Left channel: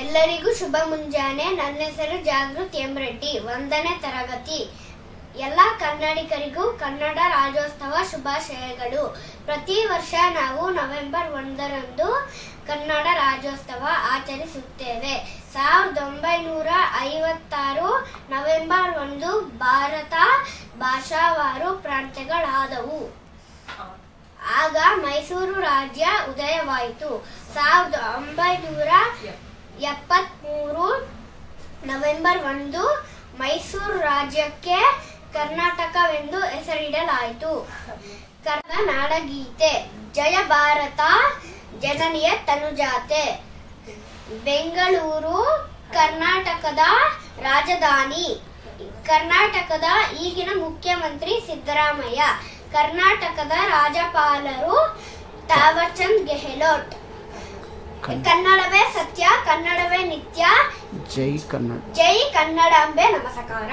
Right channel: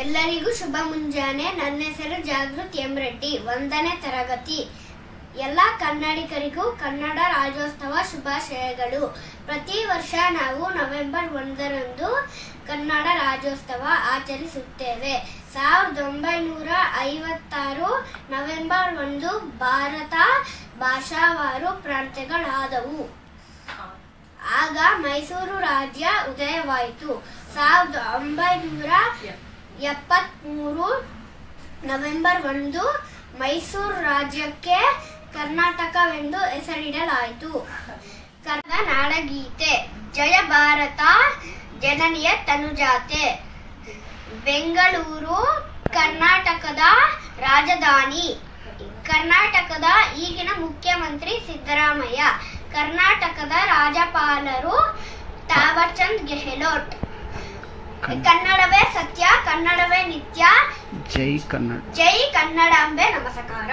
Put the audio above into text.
ಎಲ್ಲರಿಗೂ ಶುಭ ಮುಂಜಾನೆ. ನನ್ನ ಹೆಸರು ಜಾಗೃತಿ ಎಂ ರೆಡ್ಡಿ, 1ನೇ ತರಗತಿ. ಎಲ್ಲ ಕನ್ನಡಿಗರಿಗೂ ಕನ್ನಡ ರಾಜ್ಯೋತ್ಸವ ಶುಭಾಶಯಗಳು. ಪ್ರತಿ ವರ್ಷ ನಾವು ನವೆಂಬರ್ 1ರಂದು ಕನ್ನಡ ರಾಜ್ಯೋತ್ಸವ ಆಚರಿಸುತ್ತೇವೆ. 1956 ನವೆಂಬರ್ 1 ಭಾರತ ಭಾಷಾವಾರು ಪ್ರಾಂತ್ಯಗಳಾದವು. ಆಗ ಮೈಸೂರು ರಾಜ್ಯ ಉದಯವಾಯಿತು. 1973 ನವೆಂಬರ್ 1 ಮೈಸೂರು ರಾಜ್ಯಕ್ಕೆ ಕರ್ನಾಟಕವೆಂದು ಹೆಸರಿಡಲಾಯಿತು. ಕನ್ನಡ ನಾಡಗೀತೆ ಜಯ ಭಾರತ ಜನನಿಯ ತನುಜಾತೆ. ಬೆಂಗಳೂರು ಕರ್ನಾಟಕದ ರಾಜಧಾನಿ. ಕರ್ನಾಟಕದ ಈಗಿನ ಮುಖ್ಯಮಂತ್ರಿ ಸಿದ್ದರಾಮಯ್ಯ. ಕರ್ನಾಟಕದ ರಾಜ್ಯಪಾಲರು ತಾವರ್ಚಂದ್ ಗೆಹ್ಲೋಟ್. ಕನ್ನಡವೇ ಸತ್ಯ, ಕನ್ನಡವೇ ನಿತ್ಯ. ಜೈ ಕನ್ನಡ. ಜೈ ಕನ್ನಡಾಂಬೆ ನಮಸ್ಕಾರ.